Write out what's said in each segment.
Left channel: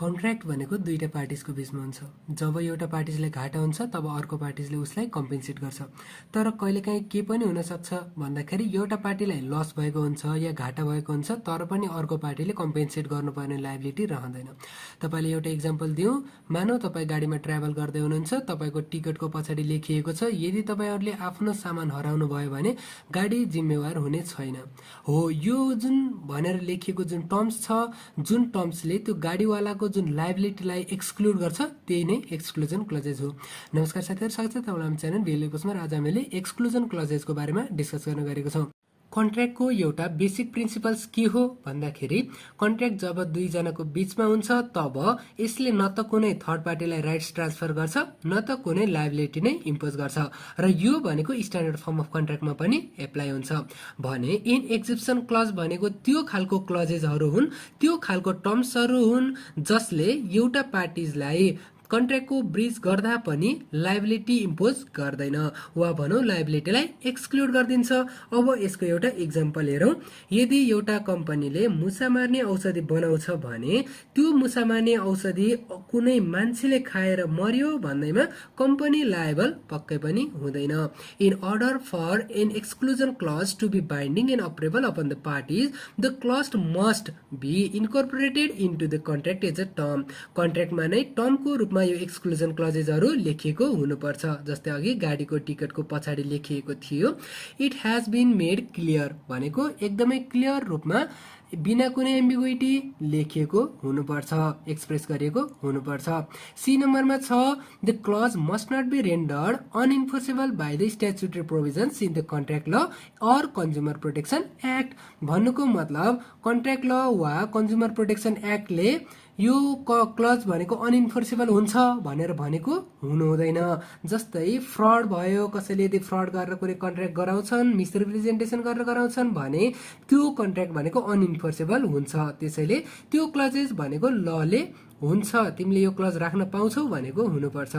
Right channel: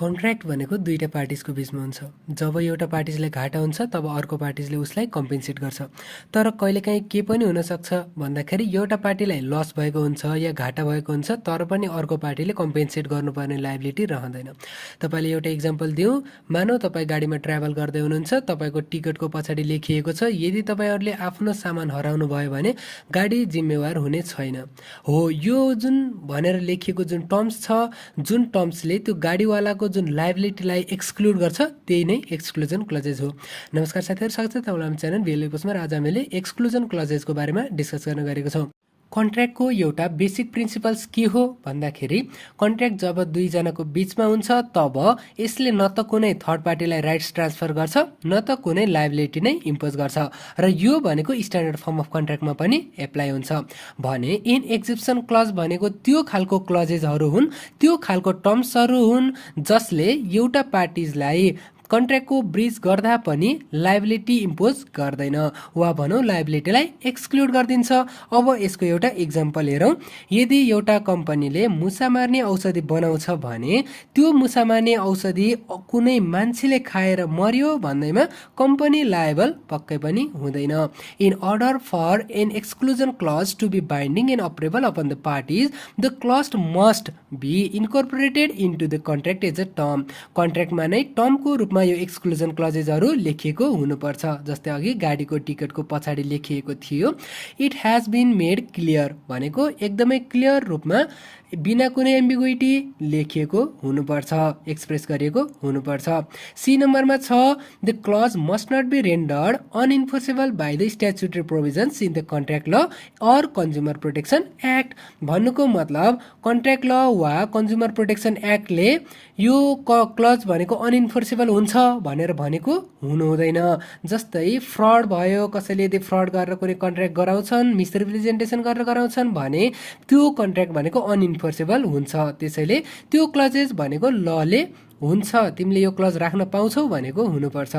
Contract भनेको दुईटा पार्टिजको बिचमा हुन्छ। जब एउटा पार्टिजलाई घाटा हुन्छ तब अर्को पार्टिजले उसलाई कम्पेन्सेट गर्छ। तर कहिलेकाहीँ के पनि हुनसक्छ भन्दाखेरि एउटा पार्टीलाई लस भएको हुन्छ या घाटा भएको हुन्छ, तर पनि अर्को पार्टीले कम्पेन्सेट गर्नुपर्ने लायबिलिटी रहँदैन। तपाईँले एउटा इक्जाम्पल दिउँ, मानौ तपाईँ गाडीमा ट्राभल गर्दै हुनुहुन्छ, तपाईँको टिकटको पछाडि लेखिएको छ यदि तपाईँहरूले आफ्नो सामान हराउनु भयो भने गाडी जिम्मेवार हुने छैन। हो, यो जुन भनेर लेखिएको जुन टर्म्स छ, जुन टर्म्सले त्यो गाडीवालाको जुन लायबिलिटीलाई एक्सक्लुड गर्छ त्यही नै एक्सक्लुजन क्लजेज हो। नमस्कार साथीहरू, स्वागत छ तपाईँलाई हाम्रो च्यानल भेल्यु पोस्टमा। आज हामीले एक्सक्लुजन क्लजेजको बारेमा डिस्कस गर्न गएको छौँ। कन्ट्र्याक्टको एउटा बेसिक प्रिन्सिपल्स के हो भन्दाखेरि कन्ट्र्याक्ट जब दुईजनाको बिचमा हुन्छ तब यसले न त कुनै थर्ड पार्टीलाई राइट्स ट्रान्सफर गर्छ न त कुनै लायबिलिटी नै इम्पोज गर्छ र यो भनेको स्ट्यान्डर्ड फर्म अफ कन्ट्र्याक्टमा पनि एप्लाई हुन्छ भने इन एक्जिप्सन क्लज भनेको त्यो खालको क्लजेसहरू हुन्, त्यो खालको टर्म्सहरू हुन् जसले एउटा पार्टिजलाई कन्ट्र्याक्टको ब्रिज गर्दा पनि लायबिलिटी इम्पोज गर्दैन वा भनौँ लायबिलिटीलाई एक्सक्लुड गरिदिन्छ। अब यसको एउटा इक्जाम्पल हेरौँ। यदि एउटा कम्पनीले मुसा मार्ने औषधि बनाउँछ भने त्यो मुसा मार्ने औषधि कुनै मान्छेले खाएर मर्यो भन्दैमा कम्पनी लायबल पक्कै पनि हुँदैन। In order for an exclusion clause to be binding and operable upon the parties, the clause must be incorporated into the contract as a term. कन्ट्र्याक्टमा नै टर्मको रूपमा यो एक्सक्लुजन क्लजेसहरू लेखिएको हुनुपर्छ। जस्तै अघि गाडीको टिकटको पछाडि लेखिएको थियो, it has been made clear भनेको एकदमै क्लियर रूपमा बिना कुनै एम्बिग्युइटी लेखिएको हुनुपर्छ, एक्सप्रेस गरिएको हुनुपर्छ। सी नम्बरमा छ, the clause must not be rendered unenforceable by the statutory provisions in the contract law or consumer protection act. भन्नुको मतलब कन्ट्र्याक्ट ल वा कन्ज्युमर प्रोटेक्सन एक्टले यो क्लज भनेको अनइन्फोर्सेबल हुन्छ भनेर भनेको हुनु हुँदैन। जस्तै फ्रड भयो, कसैले यदि फ्रड गरेर कुनै कन्ट्र्याक्ट गराउँछन्, मिसरिप्रेजेन्टेसन गरेर गराउँछन् भने त्यो कन्ट्र्याक्ट भनेको अनइन्फोर्सेबल हुन्छ। त्यसैले त्यो क्लजेस भनेको लले हुन्छ, तिमीले यो क्लज राख्न पाउँछौ भनेको हुनुपर्छ।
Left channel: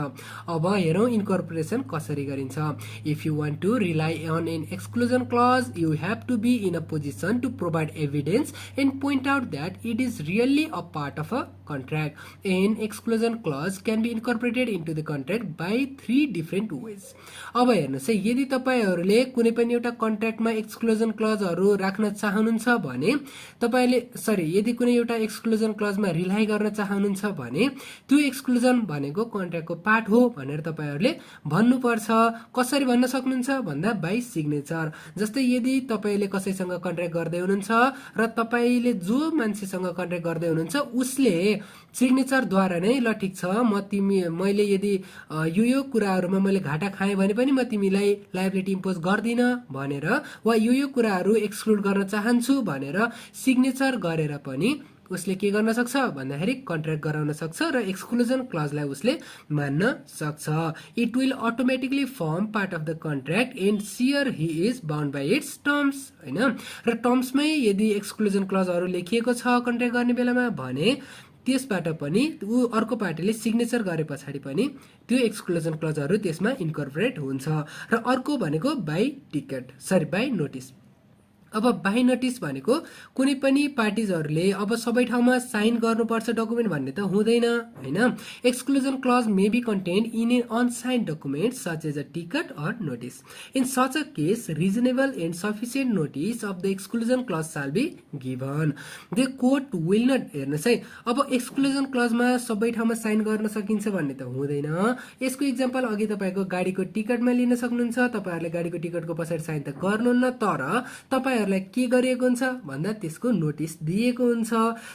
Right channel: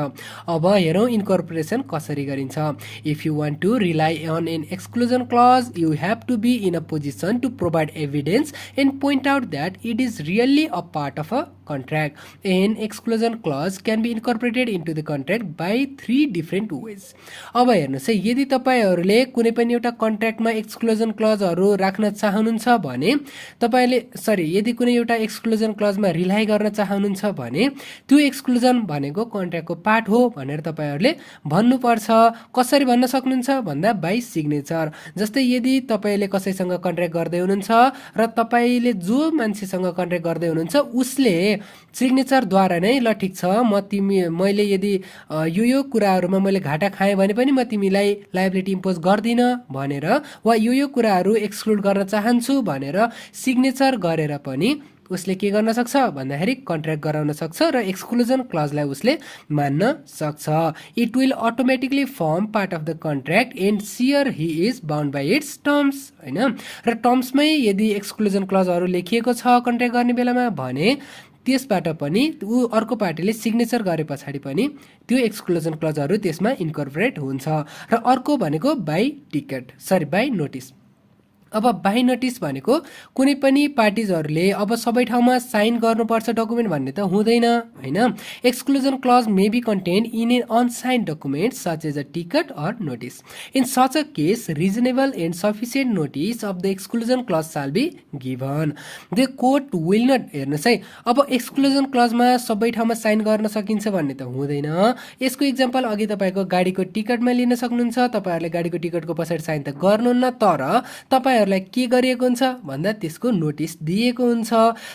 अब हेरौँ इन्कर्पोरेसन कसरी गरिन्छ। If you want to rely on an exclusion clause you have to be in a position to provide evidence and point out that it is really a part of a contract. An exclusion clause can be incorporated into the contract by 3 different ways. अब हेर्नुहोस् है, यदि तपाईहरूले कुनै पनि एउटा कन्ट्र्याक्टमा exclusion क्लजहरू राख्न चाहनुहुन्छ भने यदि कुनै एउटा एक्सक्लुजन क्लजमा रिलाइ गर्न चाहनुहुन्छ भने त्यो एक्सक्लुजन भनेको कन्ट्र्याक्टको पार्ट हो भनेर तपाईँहरूले भन्नुपर्छ। कसरी भन्न सक्नुहुन्छ भन्दा बाई सिग्नेचर। जस्तै यदि तपाईँले कसैसँग कन्ट्र्याक्ट गर्दै हुनुहुन्छ र तपाईँले जो मान्छेसँग कन्ट्र्याक्ट गर्दै हुनुहुन्छ उसले सिग्नेचरद्वारा नै ल ठिक छ मैले यदि यो कुराहरूमा मैले घाटा खाएँ भने पनि म तिमीलाई लायबिलिटी इम्पोज गर्दिनँ भनेर वा यो कुराहरू एक्सक्लुड गर्न चाहन्छु भनेर सिग्नेचर गरेर पनि उसले के गर्न सक्छ भन्दाखेरि कन्ट्र्याक्ट गराउन सक्छ र एक्सक्लुजन क्लजलाई उसले मान्न सक्छ। It will automatically form part of the contract and she or he is bound by its terms, होइन। र टर्म्समै यदि एक्सक्लुजन क्लजहरू लेखिएको छ कन्ट्र्याक्ट गर्ने बेलामा भने त्यसबाट पनि अर्को पार्टीले सिग्नेचर गरे पछाडि पनि त्यो एक्सक्लुजन क्लजहरू त्यसमा इन्कर्पोरेट हुन्छ। र अर्को भनेको बाई नोटिस। अब बाई नोटिस भनेको कुनै पनि पार्टिजहरूले अब सबै ठाउँमा साइन गर्नुपर्छ डकुमेन्ट भन्ने त हुँदैन, होइन। Exclusion clause may be contained in an unsigned document such as a ticket or notice. In such a case reasonable and sufficient notice of the exclusion clause shall be given. The court will not, हेर्नुहोस् है, अब exclusion क्लजमा सबै ठाउँमा sign गर्न सकिन्छ भन्ने त हुँदैन। यसको इक्जाम्पल अघि तपाईँको गाडीको टिकटमा लिन सक्नुहुन्छ। तपाईँहरूले गाडीको टिकटको पछाडि साइन त गर्नुहुन्न, तर तपाईँ के गरिएको हुन्छ भन्दा त्यसको नोटिस दिएको हुन्छ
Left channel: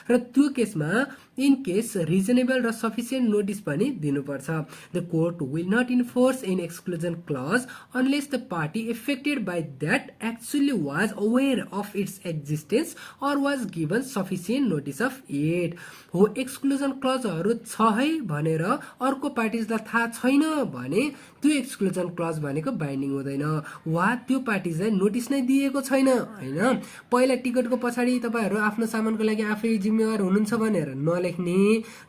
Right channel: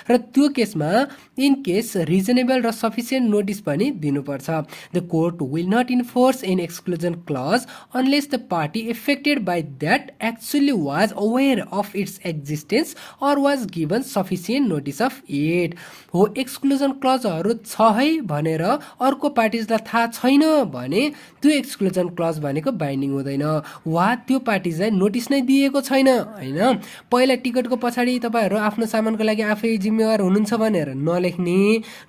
र त्यो केसमा इन केस रिजनेबल र सफिसियन्ट नोटिस पनि दिनुपर्छ। The court will not enforce an exclusion clause unless the party affected by that actually was aware of its existence or was given sufficient notice of it. हो, exclusion क्लजहरू छ है भनेर अर्को पार्टिजलाई थाहा छैन भने त्यो एक्सक्लुजन क्लज भनेको बाइन्डिङ हुँदैन वा त्यो पार्टिजलाई नोटिस नै दिएको छैन होइन। पहिला टिकटको पछाडि तपाईँहरू आफ्नो सामानको लागि आफै जिम्मेवार हुनुहुन्छ भनेर नलेख्ने,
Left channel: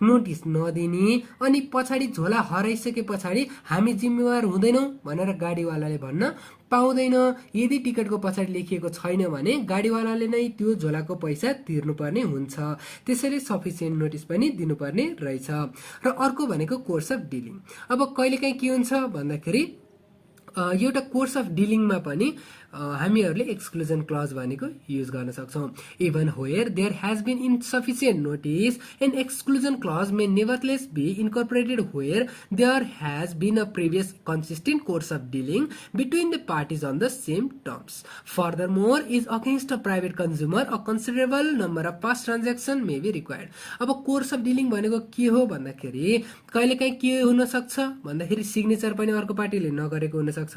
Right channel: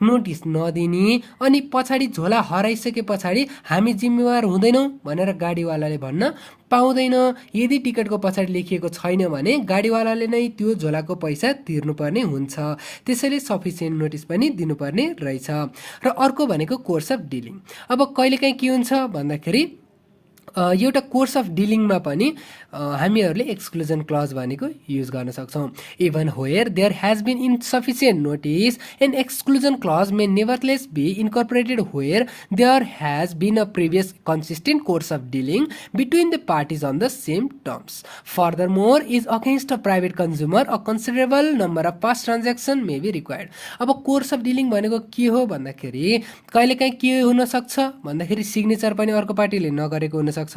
नोटिस नदिने, अनि पछाडि झोला हराइसके पछाडि हामी जिम्मेवार हुँदैनौँ भनेर गाडीवालाले भन्न पाउँदैन। यदि टिकटको पछाडि लेखिएको छैन भने गाडीवालाले नै त्यो झोलाको पैसा तिर्नुपर्ने हुन्छ। त्यसैले सफिसियन्ट नोटिस पनि दिनुपर्ने रहेछ। र अर्को भनेको कोर्स अफ डिलिङ। अब कहिलेकाहीँ के हुन्छ भन्दाखेरि एउटा कोर्स अफ डिलिङमा पनि हामीहरूले एक्सक्लुजन क्लज भनेको युज गर्न सक्छौँ। Even where there has been insufficient notice an exclusion clause may nevertheless be incorporated where there has been a previous consistent course of dealing between the parties on the same terms. Furthermore is against a private consumer a considerable number of past transaction may be required. अब course of dealing भनेको के हो भन्दाखेरि कहिलेकाहीँ के हुनसक्छ भन्दाखेरि signature पनि अर्को पार्टीले नगरेको हुनसक्छ,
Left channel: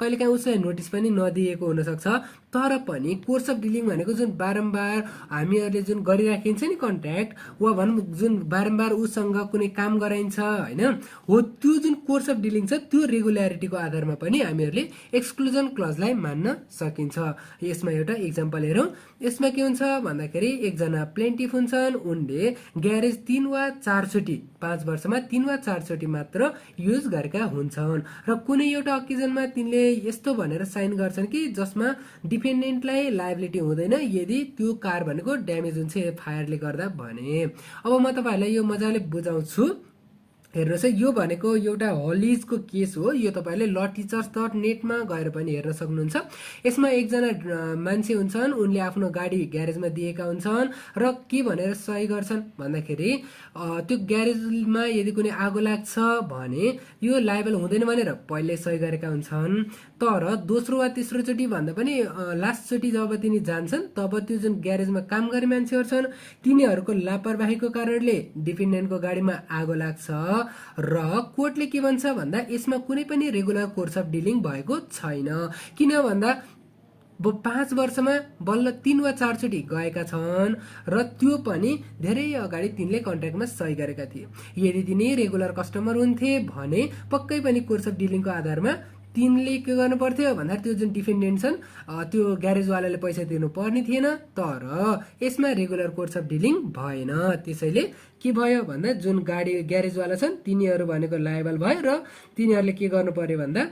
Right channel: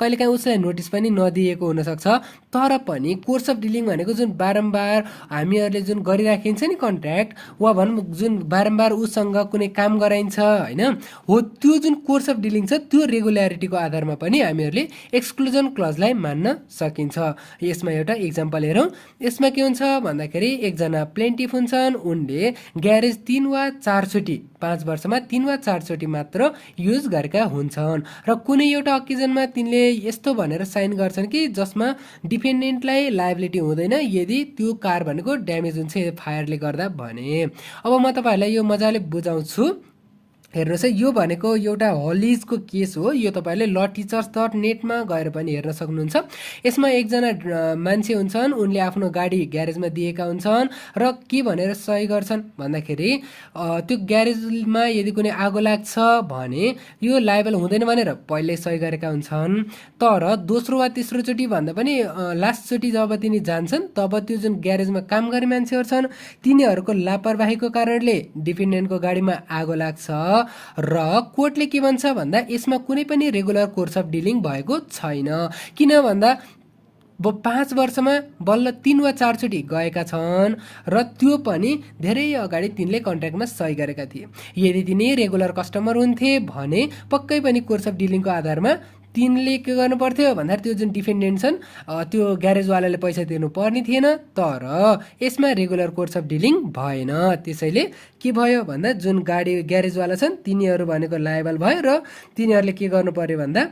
कहिलेकाहीँ उसलाई नोटिस पनि नदिएको हुनसक्छ। तर पनि कोर्स अफ डिलिङ भनेको जुन बारम्बार हामीहरूले जुन गरिराखिन्छ नि कन्ट्र्याक्ट, वा भनौँ जुन बारम्बार उसँग कुनै काम गराइन्छ होइन, हो त्यो जुन कोर्स अफ डिलिङ छ त्यो रेगुल्यारिटीको आधारमा पनि हामीहरूले एक्सक्लुजन क्लजलाई मान्न सकिन्छ। यसमा एउटा इक्जाम्पल हेरौँ। यसमा के हुन्छ भन्दाखेरि एकजना प्लेन्टिफ हुन्छन्, उनले ग्यारेज 3 वा 4 चोटि 5 वर्षमा 3 वा 4 चोटि मात्र युज गरेका हुन्छन् र कुनै एउटा अकेजनमा तिनले यस्तो भनेर साइन गर्छन् कि जसमा डिफेन्डेन्टलाई लायबिलिटी हुँदैन यदि त्यो कार भनेको ड्यामेज हुन्छ फायरले गर्दा भने। अब म तपाईँहरूलाई यो मजाले बुझाउँछु। हेर्नुहोस् है, यो भनेको एउटा हलिजको केस हो। यो तपाईँहरूले lawteachers.net मा गएर पनि हेर्न सक्नुहुन्छ। यसमा एकजना मान्छे हुन्छन्, उनले आफ्नो गाडी ग्यारेजमा दिएका हुन्छन् र के भनेर सही गर्छन् भन्दाखेरि त्यो ग्यारेजमा यदि कुनै आगो लाग्छ भने यो लायबल हुँदैन भनेर पहिल्यै सही गरेका हुन्छन्। तर दोस्रो वा तेस्रो चोटि भन्दा पनि लास्ट चोटि जब तिनी जान्छन् तब त्यो जुन ग्यारेजमा काम गर्ने मान्छेहरू छन् तिनीहरूको लापरवाहीको कारणले डिफेन्डेन्टको गाडीमा आगो लाग्छ र कोर्टले के भन्छ भन्दा यसमा कुनै पनि रेगुलर कोर्स अफ डिलिङ भएको छैन। किन भन्दा 5 वर्षमा बल्ल 3 वा 4 चोटि गएका छन् र त्यो पनि धेरै अगाडि तिनले कन्ट्र्याक्टमा सही गरेका थिए। यदि तिनी रेगुलर कस्टमर हुन्थे भने पक्कै पनि कोर्स अफ डिलिङको आधारमा तिनले के गर्नु पर्थ्यो भन्दाखेरि त्यो जुन डिफेन्डेन्ट छन् त्यो ग्यारेजवालाले पैसा तिर्नु पर्ने थिएन। तर यसमा रेगुलर कोर्स अफ डिलिङ भएन। त्यसैले के भयो भन्दा जुन गाडी ग्यारेजवाला छन् तिनीहरू भनेको लायबल भयो र तिनीहरूले के गर्नु पर्यो भन्दा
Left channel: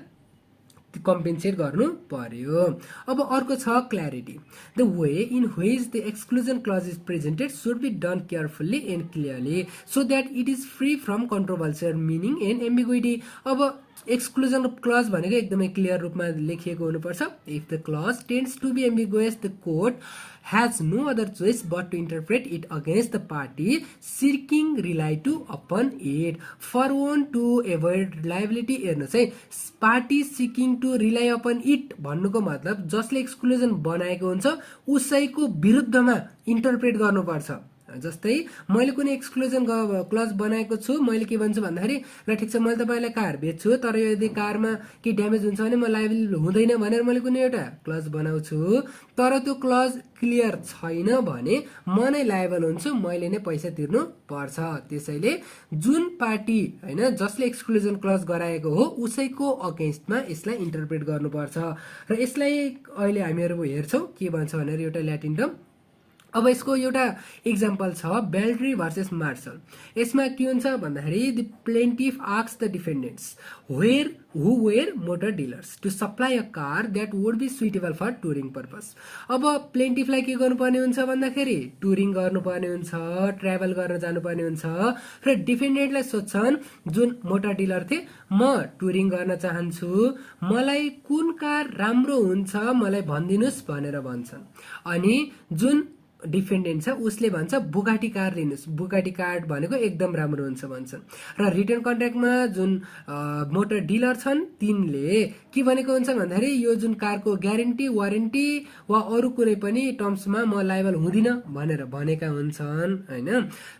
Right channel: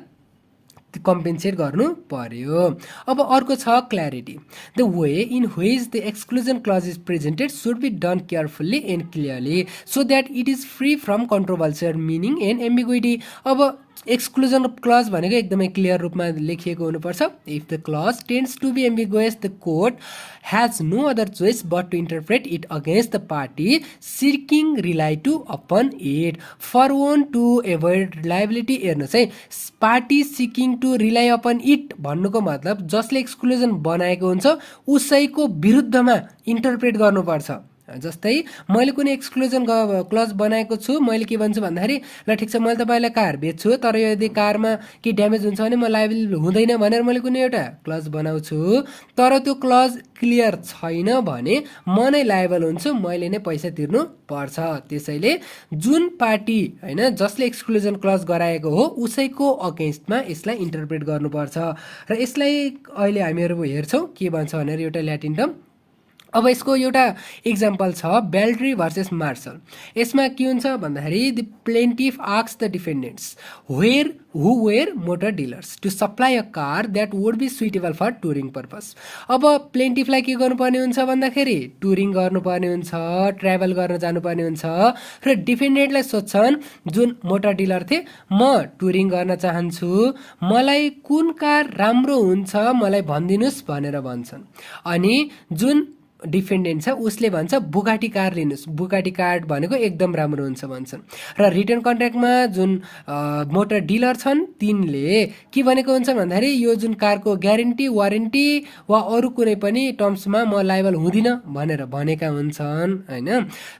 कम्पेन्सेट गर्नु पर्यो। अब अर्को छ clarity. The way in which the exclusion clause is presented should be done carefully and clearly so that it is free from controversial meaning and ambiguity. अब एक्सक्लुजन क्लज भनेको एकदमै क्लियर रूपमा लेखिएको हुनुपर्छ। If the clause tends to be ambiguous the court has no other choice but to interpret it against the party seeking rely to upon it for one to avoid liability। हेर्नुहोस् है, party seeking to rely upon it भन्नुको मतलब जसले exclusion बनाएको हुन्छ उसैको विरुद्धमा interpret गर्नुपर्छ। जस्तै मैले कुनै एक्सक्लुजन क्लज बनाएको छु, मैले के भन्छु भन्दाखेरि ल ठिक छ मैले तपाईँलाई कार बेच्छु तर यदि कारमा के ड्यामेज हुन्छ भने म लायबल हुँदैन भनेर मैले कुनै एउटा क्लज बनाउँछु, तर त्यो क्लज क्लियर छैन भने म नै लायबल हुन्छु, मैले नै पैसा तिर्नु पर्छ। त्यसैले जुन पार्टी होइन जसले एक्सक्लुजन क्लज गराएको हो उसैको अगेन्स्टमा यसलाई इन्टरप्रेट गर्नुपर्छ। र यसलाई अहिले हामीहरू हेर्छौँ के भन्छ भनेर एउटा ल्याटिन टर्म। अब यसको एउटा इक्जाम्पल छ बेल्ट्री भर्सेस मार्शल। यसमा के हुन्छ भन्दाखेरि the plaintiff asks the defendants who were motor dealers to supply a car that would be suitable for touring purpose. अब प्लेन्टिफलाई के गर्नुपर्ने हुन्छ भन्दाखेरि टुरिङ गर्नुपर्ने हुन्छ, ट्राभल गर्न जानुपर्ने हुन्छ र डिफेन्डेन्टलाई सोध्छन् जुन मोटर डिलर थिए म टुरिङ गर्न चाहन्छु, मलाई कुन कार राम्रो हुन्छ मलाई भनिदिनुहोस् भनेर भन्छन्। अनि जुन डिफेन्डेन्ट छ उसले भन्छ बुगाटी कार लिनुहोस्, बुगाटी कार भनेको एकदम राम्रो हुन्छ भन्छन्। र रिटर्न कन्ट्र्याक्टमा जुन मोटर डिलर छन् तिनले के भनेको हुन्छ भन्दाखेरि यो जुन कारको ग्यारेन्टी वारेन्टी वा अरू कुनै पनि टर्म्समा म लायबल हुँदिनँ भनेर भनेका हुन्छन् होइन।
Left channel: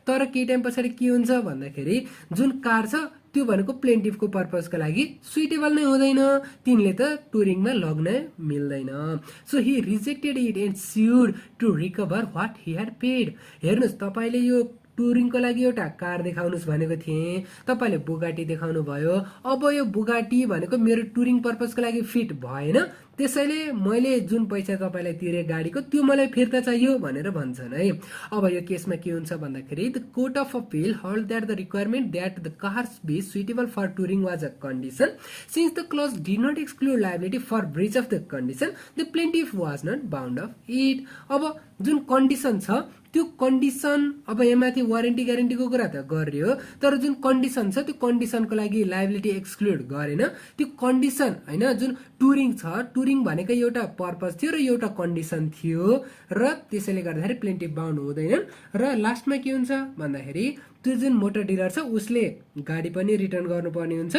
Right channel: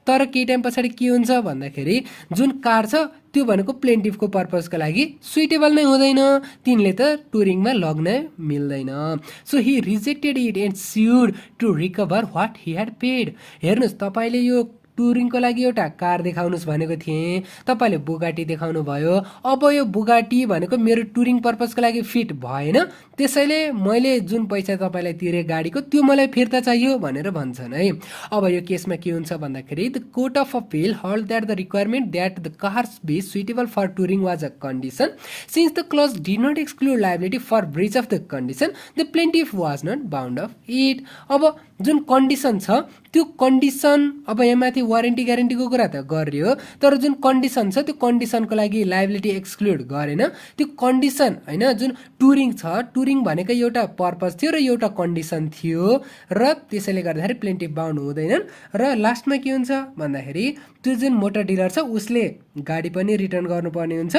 तर केही टाइम पछाडि के हुन्छ भन्दाखेरि जुन कार छ त्यो भनेको प्लेन्टिफको पर्पजका लागि सुइटेबल नै हुँदैन, तिनले त टुरिङमा लग्न मिल्दैन। So he rejected it and sued to recover what he had paid. हेर्नुहोस् तपाईँले यो टुरिङको लागि एउटा कार देखाउनुहोस् भनेको थिएँ, तपाईँले बुगाटी देखाउनु भयो। अब यो बुगाटी भनेको मेरो टुरिङ पर्पजको लागि फिट भएन, त्यसैले मैले जुन पैसा तपाईँलाई तिरेँ गाडीको त्यो मलाई फिर्ता चाहियो भनेर भन्छन् है। अब यो केसमा के हुन्छ भन्दाखेरि the court of appeal held that the requirement that the cars be suitable for touring was a condition since the clause did not exclude liability for breach of the condition the plaintiff was not bound of it. अब जुन condition छ त्यो condition, अब यहाँमाथि warranty ग्यारेन्टीको कुरा त गरियो, तर जुन कन्डिसन छ त्यो कन्डिसनको लागि लायबिलिटी एक्सक्लुड गरेन। त्यो कन्डिसन होइन, जुन टुरिङ छ, टुरिङ भनेको एउटा पर्पज थियो र एउटा कन्डिसन थियो र त्यसैले गर्दाखेरि प्लेन्टिफ बाउन्ड हुँदैनन्। र लास्टमा के हुन्छ भन्दाखेरि त्यो जुन मोटर डिलर छ उसले गाडी पनि रिटर्न गर्नुपर्ने हुन्छ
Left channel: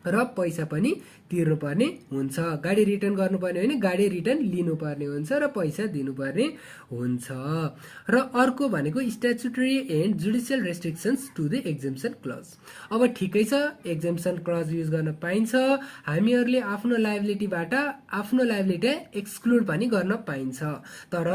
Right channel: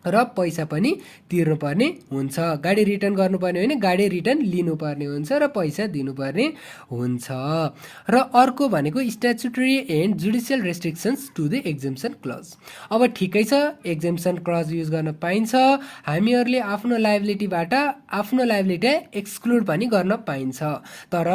र पैसा पनि तिर्नुपर्ने हुन्छ। गाडी रिटर्न गर्नुपर्ने होइन, गाडी रिटर्न लिनुपर्ने हुन्छ र पैसा दिनुपर्ने हुन्छ। र अर्को भनेको statutory and judicial restrictions to the exemption clause. अब ठिकै छ, एक्जेम्सन क्लज युज गर्न पाइन्छ, हामीहरूले आफ्नो लायबिलिटीबाट आफ्नो लायबिलिटी एक्सक्लुड पनि गर्न पाइन्छ, तर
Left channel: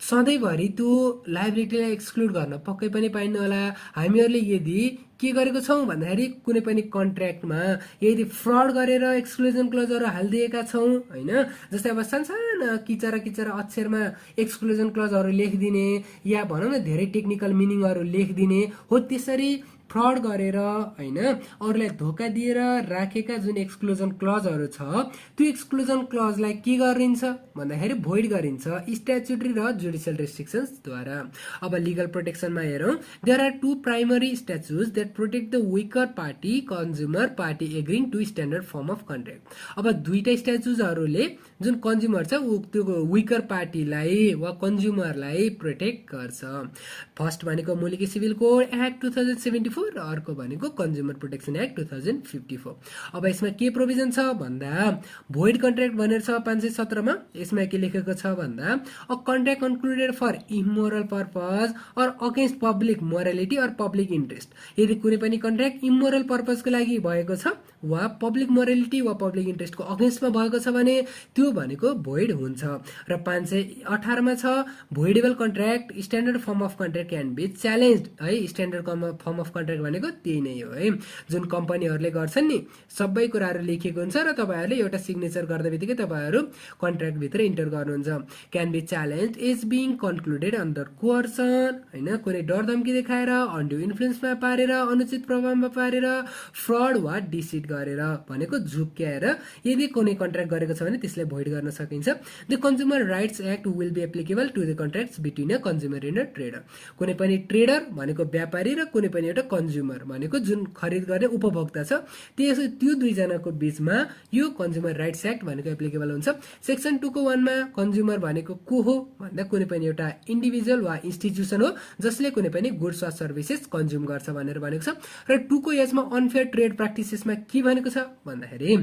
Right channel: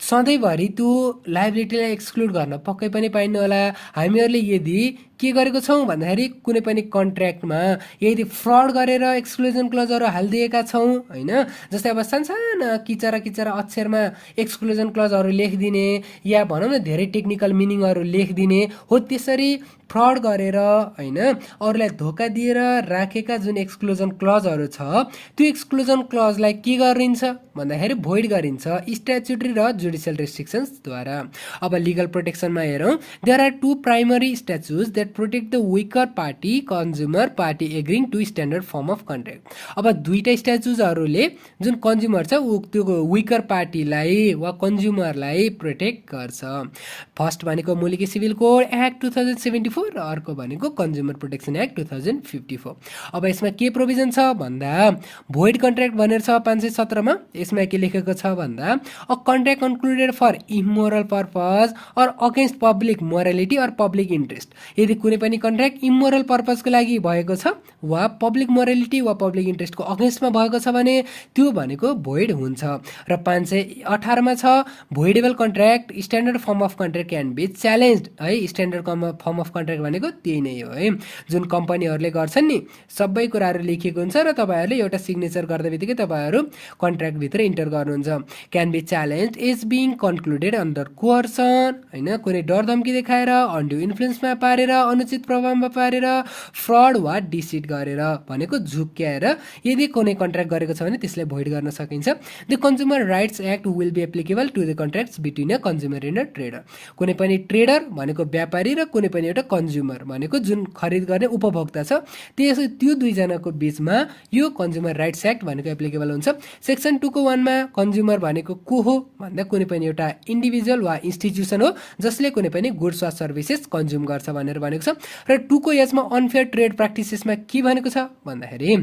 सधैँभरि त्यो लायबिलिटीलाई एक्सक्लुड गर्न पक्कै पनि पाइन्न होला। हामीहरूले यदि के गरेको छौँ भन्दाखेरि कुनै पनि कन्ट्र्याक्टमा यदि फ्रड गरेर एक्सक्लुजन क्लजहरू हालिदिएका छौँ होइन, जस्तै अब सानसाना किचरा अक्षरमा एक्सक्लुजन क्लजहरू लेखिदिने या भनौँ न धेरै टेक्निकल मिनिङहरू लेखिदिने हो, त्यसरी फ्रड गरेर होइन अरूलाई धोका दिएर राखेका जुन एक्सक्लुजन क्लजहरू छ त्यो एक्सक्लुजन क्लजलाई के गरिन्छ भन्दाखेरि भोइड गरिन्छ स्ट्याचुटरी र जुडिसियल रेस्ट्रिक्सन्सद्वारा। अब लिगल प्रोटेक्सनमा हेरौँ, there are two primary statutes that protect the weaker party consumer party agreeing to standard form of contract. अब दुईटा स्ट्याचुजहरूले जुन कन्ज्युमर छ त्यो विकर पार्टीलाई वा कन्ज्युमरलाई प्रोटेक्ट गर्छ। फर्स्ट भनेको मुलुकी सिभिल कोड एक्ट 2074 र अर्को भनेको कन्ज्युमर प्रोटेक्सन एक्ट 2054। अब यसमा के प्रोभिजन छ भन्दा भोइड कन्ट्र्याक्ट भनेर छ 517 मा। यसमा के लेखेको छ भन्दा a contract concluded for immoral purpose or against public morality or public interest. यदि कुनै पनि कन्ट्र्याक्ट इमोरल पर्पजको लागि भएको छ वा पब्लिक मोरालिटी वा पब्लिक इन्ट्रेस्टको अगेन्स्टमा भएको छ भने त्यो भनेको भोइड हुन्छ। र 518 मा छ voidable contract standard form of contract can be challenged है। स्ट्यान्डर्ड फर्म अफ कन्ट्र्याक्ट भनेको त्यही नै हो है, जुन कम्पनीहरूले गर्छन् नि सबै कुराहरू लेखिएको हुन्छ र तपाईँहरूले एउटा सिग्नेचर गर्दा बित्तिकै तपाईँहरू कन्ट्र्याक्टभित्र इन्टर गर्नुहुन्छ। Can be challenge is being concluded under coercion होइन, कुनै डर धम्की देखाएर, अन्ड्यू इन्फ्लुएन्समा पारेर, अनुचित प्रभावमा पारेर, फ्रड वा डिसिट गरेर भनेको झुक्क्याएर यदि कुनै कन्ट्र्याक्ट गरेको छ भने त्यसलाई भोइड गर्न सकिन्छ। The consumer rights act will be applicable to the contracts between a consumer and a trader. कुनै पनि ट्रेडर भनेको व्यापारी र कुनै पनि एउटा कन्ज्युमर भनेको जुन खरिद गर्ने उपभोक्ता छ त्यो दुईजनाको बिचमा यो कन्ज्युमर राइट्स एक्ट भनेको एप्लिकेबल हुन्छ। सेक्सन 2 को 1 मा कन्ज्युमर भनेको को हो भन्दा कुनै पनि एउटा इन्डिभिजुअल वा इन्स्टिट्युसन हो जसले कुनै पनि गुड्स वा सर्भिसेस कन्ज्युम गर्छ भनेर भनेको छ। र 2 को यसमा अनफेयर ट्रेड प्र्याक्टिसेसमा के भनेको छ भन्दाखेरि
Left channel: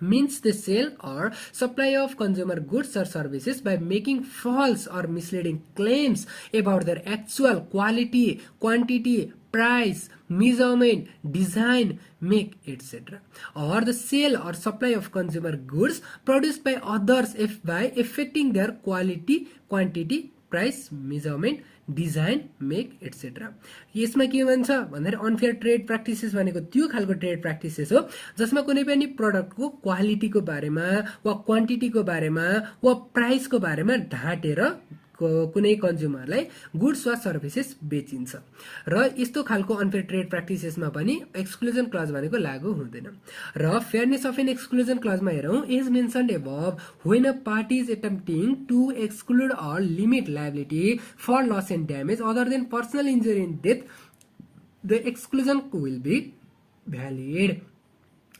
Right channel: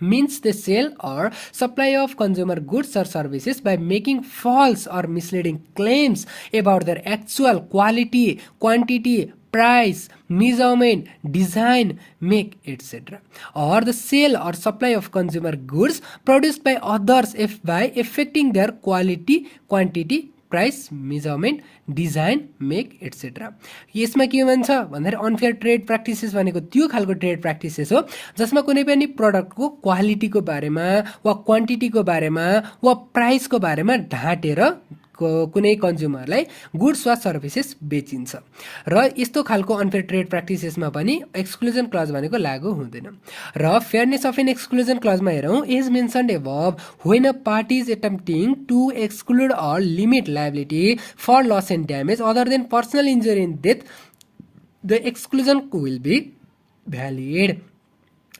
means the sale or supply of consumer goods or services by making false or misleading claims about their actual quality, quantity, price, measurement, design, make, etc. or the sale or supply of consumer goods produced by others by affecting their quality, quantity, price, measurement, design, make etcetera. यसमा के भन्छ भन्दाखेरि unfair trade practices भनेको त्यो खालको trade practices हो जसमा कुनै पनि प्रडक्टको क्वालिटीको बारेमा वा क्वान्टिटीको बारेमा वा प्राइसको बारेमा ढाँटेर कुनै कन्ज्युमरलाई गुड्स वा सर्भिसेस बेचिन्छ। र यस्तो खालको अनफेयर ट्रेड प्र्याक्टिसेसमा पनि एक्सक्लुजन क्लज भनेको लागू हुँदैन। र फेयरनेस अफ एन एक्सक्लुजन क्लजमा हेरौँ, as mentioned above when a party is attempting to exclude or limit liability for loss and damage other than personal injury and death the exclusion will be valid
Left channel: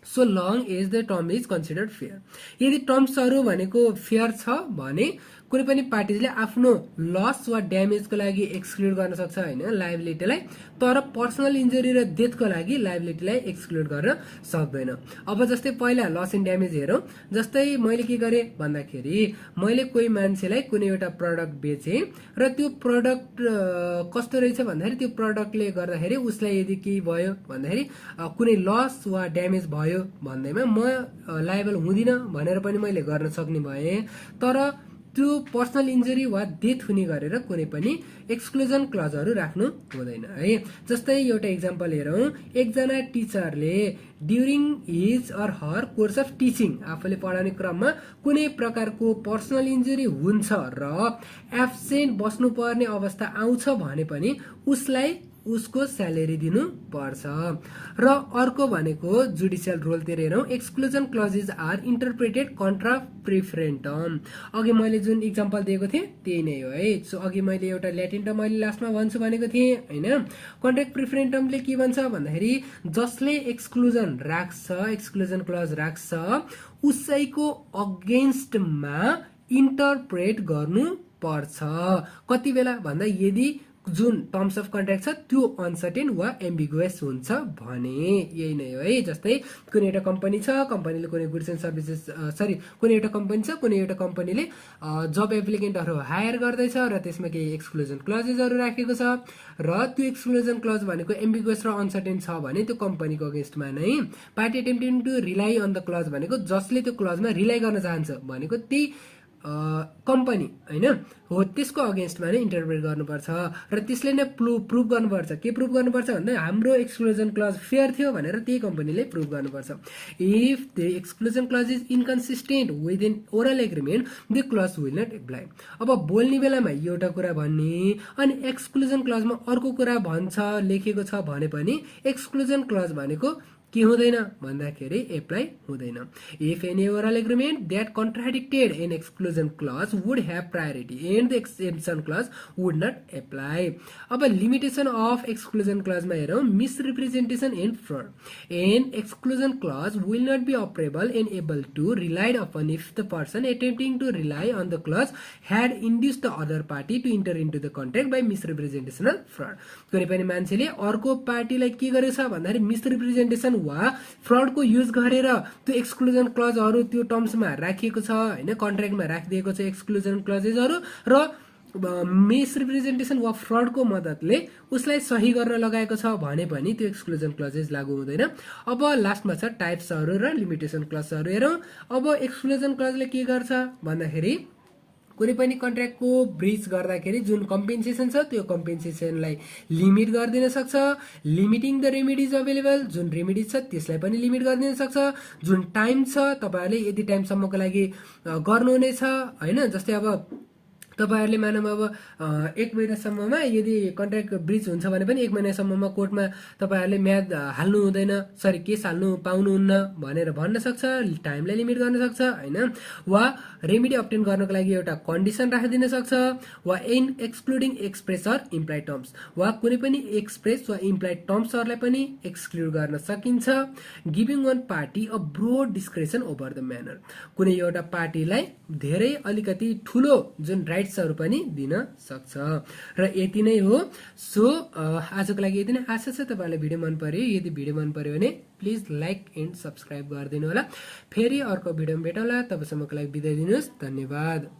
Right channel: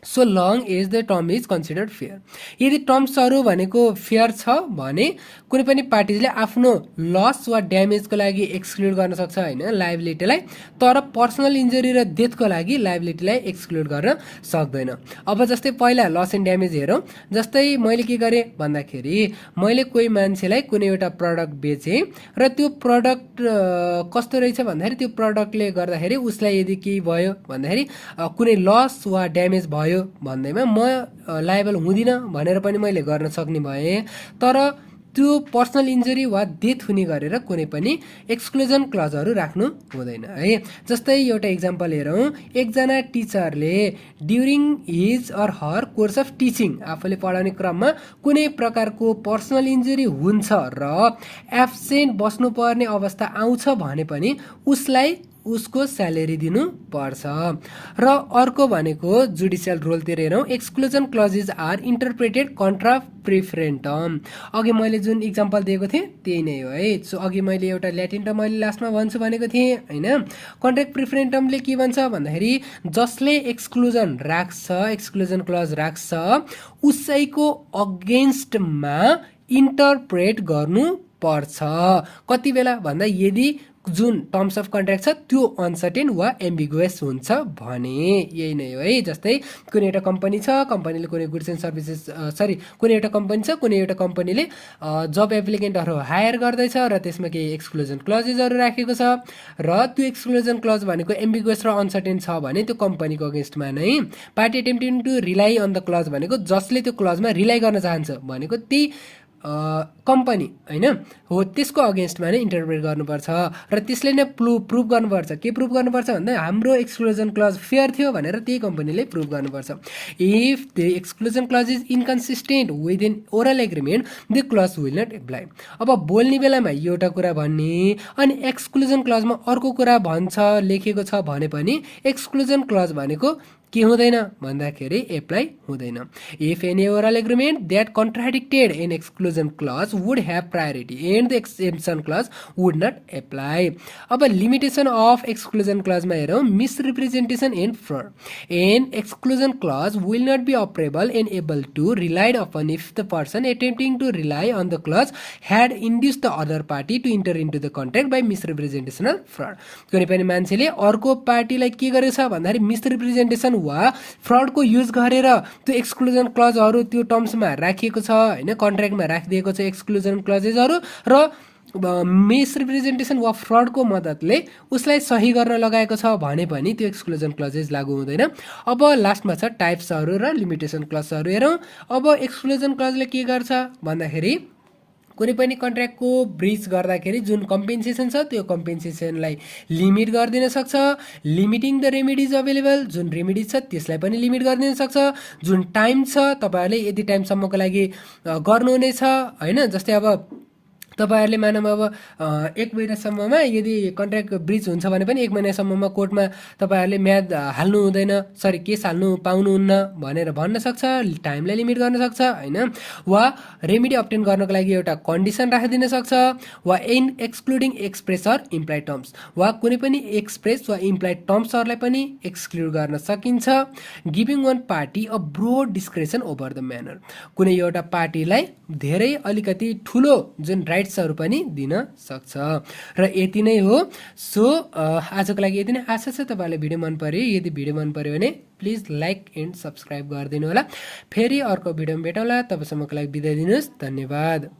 so long as the term is considered fair. यदि टर्म्सहरू भनेको fair छ भने कुनै पनि पार्टीले आफ्नो loss वा ड्यामेजको लागि एक्सक्लुड गर्न सक्छ होइन लायबिलिटीलाई, तर पर्सनल इन्जुरी र डेथको लागि लायबिलिटीलाई एक्सक्लुड गर्न सक्दैन। अब जस्तै पहिला लस एन्ड ड्यामेज हेरौँ, जस्तै मैले के गरेँ भन्दाखेरि मैले कोही मान्छेलाई कुनै एउटा प्रडक्ट बेचेँ र त्यो प्रडक्ट कस्तो रहेछ भन्दाखेरि त्यो प्रडक्टले गर्दाखेरि उसलाई यदि केही भयो भन्दाखेरि कुनै लस वा ड्यामेज भयो भन्दैमा म लायबल हुँदिनँ भनेर पनि मैले गर्न सक्ने भएँ। तर त्यो पर्सनल इन्जुरी वा डेथ हुने गरेर कुनै पनि एक्सक्लुजन क्लजहरू राख्नु हुँदैन है। जस्तै एउटा इक्जाम्पल हेरौँ, एकजना टिचरले during his or her course of teaching आफूले पढाउने क्रममा कुनै प्रकारको पर्सनल इन्जुरी हुन्छ र एब्सेन्ट बस्नुपर्ने अवस्था आउँछ भने पनि उसलाई उसको स्यालेरी दिनु पर्छ। र अर्को भनेको जुडिसियल रोलतिर हेरौँ, एक्सक्लुजन क्लजेस आर इन्टरप्रेटेड कन्ट्रा प्रिफरेन्टम। अघि मैले जुन इक्जाम्पल दिएको थिएँ त्यही नै हो है। सो अघि मैले एउटा ल्याटिन टर्म मैले लास्टमा भन्छु भनेको थिएँ होइन। कन्ट्राक्ट प्रिफरेन्टमले के भन्छ भन्दाखेरि जसले एक्सक्लुजन राख्छ, एक्सक्लुजन क्लज राख्छ, उसैको अगेन्स्टमा इन्टरप्रेट गर्नु पर्छ। कति बेला भन्दा यदि जुन टर्म्स अफ कन्ट्र्याक्ट छ त्यो अनसर्टेन वा एम्बिगुअस हुन्छ भने। यही नै हो है। जस्तै कुनै एउटा कम्पनी छ, कम्पनीले कुनै गुड्स एन्ड सर्भिसेस कुनै एउटा कम्पनी छ, कुनै एउटा कम्पनीले जब एप्लिकेन्टहरू हायर गर्दैछ र त्यसमा केही एक्सक्लुजन क्लजेसहरू राखेको छ र त्यो एक्सक्लुजन क्लज भनेको एम्बिगुअस र अनसर्टेन छ भने त्यो कम्पनीको अगेन्स्टमा नै party attempting to rely on the clause भनेको जसले त्यो क्लजमा रिलाइ गर्न चाहन्छ भनेको त्यही कम्पनी होइन हो, त्यसको अगेन्स्टमा नै इन्टरप्रेट गर्नुपर्छ र त्यसले नै प्रुभ गर्नुपर्छ। के प्रुभ गर्नुपर्छ भन्दा हाम्रो एक्सक्लुजन क्लज फेयर थियो भनेर त्यही कम्पनीले प्रुभ गर्नुपर्छ। If the exclusion clause is inconsistent with in oral agreement the clause will not apply. अब बोल्ने बेलामा एउटा कुरा भन्ने अनि एक्सक्लुजन क्लजमा अर्को कुरा भन्छ लेखेको छ भने पनि एक्सक्लुजन क्लज भनेको के हुँदैन भन्दाखेरि एप्लाई हुँदैन। If any oral agreement that contradicted an exclusion clause would have priority and the exception clause would not apply. अब लिमिटेसन अफ एक्सक्लुजन क्लजमा हेरौँ, misrepresentation and fraud. An exclusion clause will not be operable and able to relied upon if the person attempting to rely on the clause had induce the other party to enter into the contract by misrepresentation or fraud. कुनै पनि मान्छेले अर्को पार्टीलाई के गरेको छ भन्दाखेरि मिसरिप्रेजेन्टेसन वा फ्रडको युज गरेर त्यो एक्सक्लुजन क्लजहरू त्यो टर्म्समा राखिएको छ होइन, कन्ट्र्याक्टमा राखिदिएको छ एक्सक्लुजन क्लजेसहरू र मिसरिप्रेजेन्टेसन वा फ्रडको मद्दतले उसलाई सही गर्न लगाएको छ भने पनि त्यो एक्सक्लुजन क्लजेस लागू हुँदैन। अब लास्टमा छ टाइप्सहरू र लिमिटेसन क्लजहरू हेरौँ। अब एक्सक्लुजन क्लजले के गर्छ भन्दाखेरि कुनै पनि कन्ट्र्याक्टको ब्रिच गर्दाखेरि जुन कम्पेन्सेसन छ त्यो कम्पेन्सेसनलाई लिमिट गरिदिन सक्छ। लिमिटिङ द रेमेडिज अभाइलेबल, जुन रेमेडिज छ त्यसलाई पनि लिमिट गरिदिन सक्छ। जुन टाइम छ तपाईँहरूले यति टाइमसम्मको लागि गर्नुहुनेछ होइन। जस्तै अब तपाईँहरूले मानौँ अब 1 महिनासम्ममा यदि कन्ट्र्याक्ट ब्रिच हुन्छ भने पनि 1 महिनासम्ममा कोर्टमा तपाईँहरूले म्याद हाल्नु हुँदैन, केस हाल्नु पाउनुहुन्न भनेर भन्न सक्छ, टाइमलाई लिमिट गर्न सक्छ होइन। वा रेमेडी अब्टेन गर्नको लागि एउटा कन्डिसन राखिदिन सक्छ। वा in excluding express or implied terms, वा कुनै पनि एक्सप्रेस वा इम्प्लाइड टर्म्सहरूलाई पनि एक्सक्लुड गर्न सकिन्छ। Giving one party a broad discretion over the manner, कुनै एउटा पार्टीलाई धेरै अलिकति ठुलो जुन राइट्सहरू पनि दिन सक्छ। र यति नै हो। सो आजको लागि यति नै। आशा छ तपाईँलाई भिडियो मन पर्यो। यदि भिडियो मन पर्यो भने प्लिज लाइक एन्ड सब्सक्राइब गरिदिनु होला। फेरि अर्को भिडियोमा भेटौँला। तबसम्मको लागि बिदा दिनुहोस्। धन्यवाद।